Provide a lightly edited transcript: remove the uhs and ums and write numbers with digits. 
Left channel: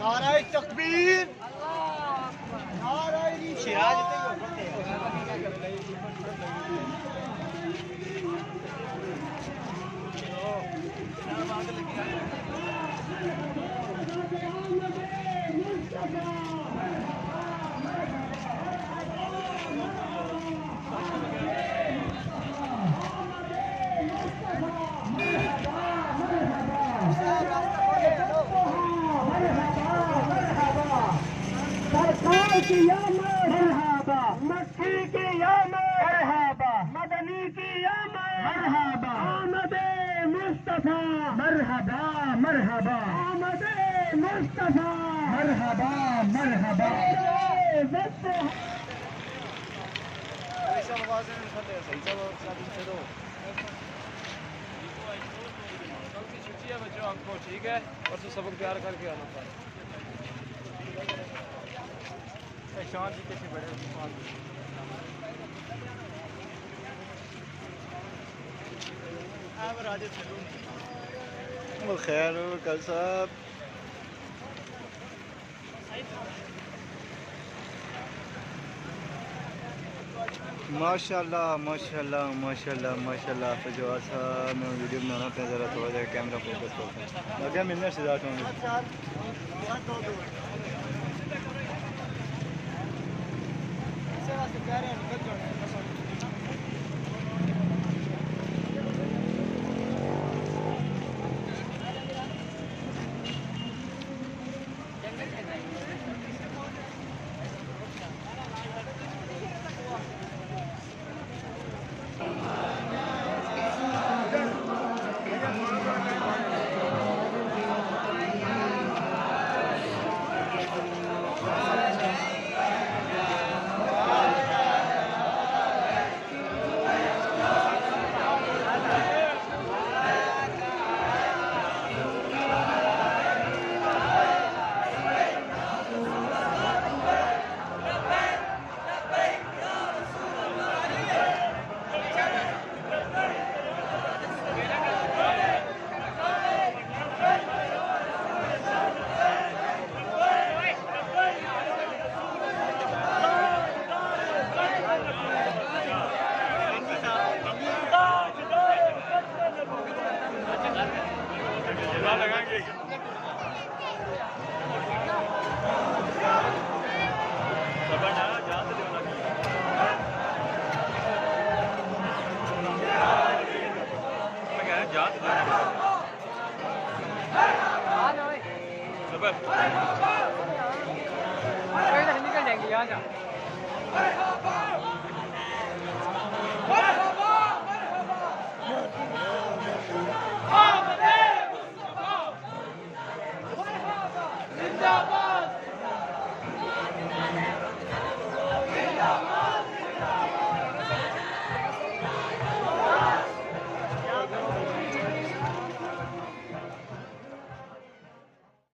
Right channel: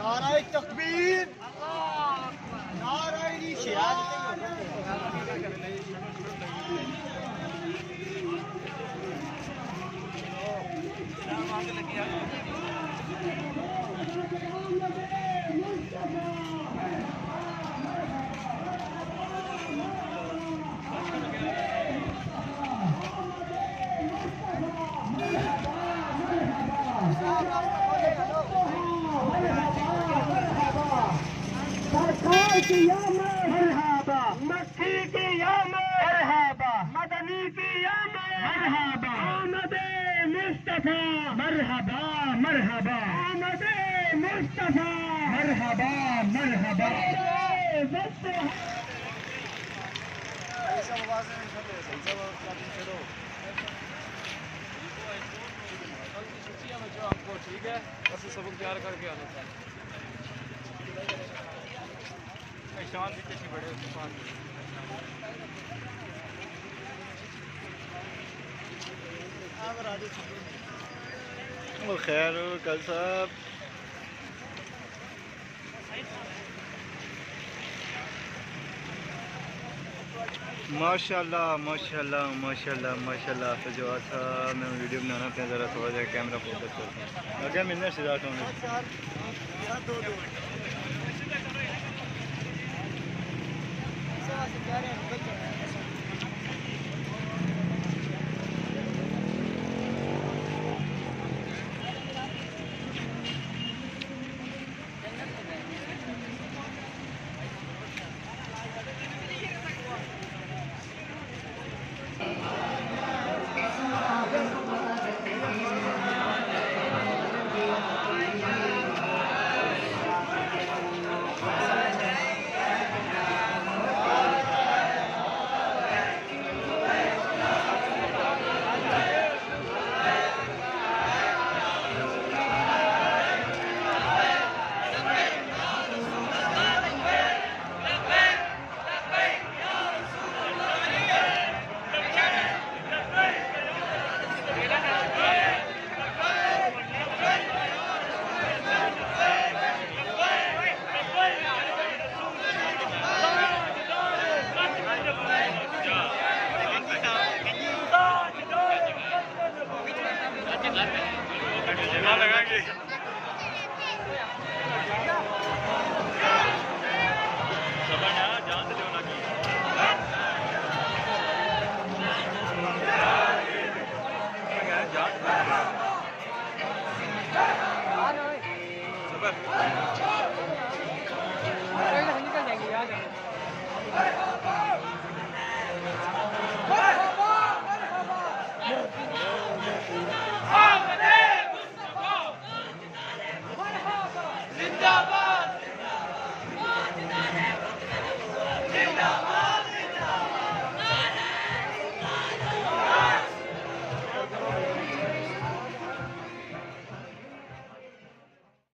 नारे तकबीर, नारे रिशाद। सरकार की या मरहबा, मक्की की या मरहबा, मदनी की या मरहबा, आमदे मुस्तफा मरहबा मरहबा, आमदे मुस्तफा मरहबा मरहबा। छुट्टियां बच्चों हमको ठीक है, और सबक तैयार करके आना था। शांति कैसे बड़े खैर कल साहब माशाल्लाह माशाल्लाह माशाल्लाह माशाल्लाह। तो जो था मैं वीडियो बनाना अपने ज़रा थोड़ा सा कैमरा फोकस करता हूँ। क्या मिलने से ज़्यादा होंगे लगाएंगे। निकल जाएंगे यहाँ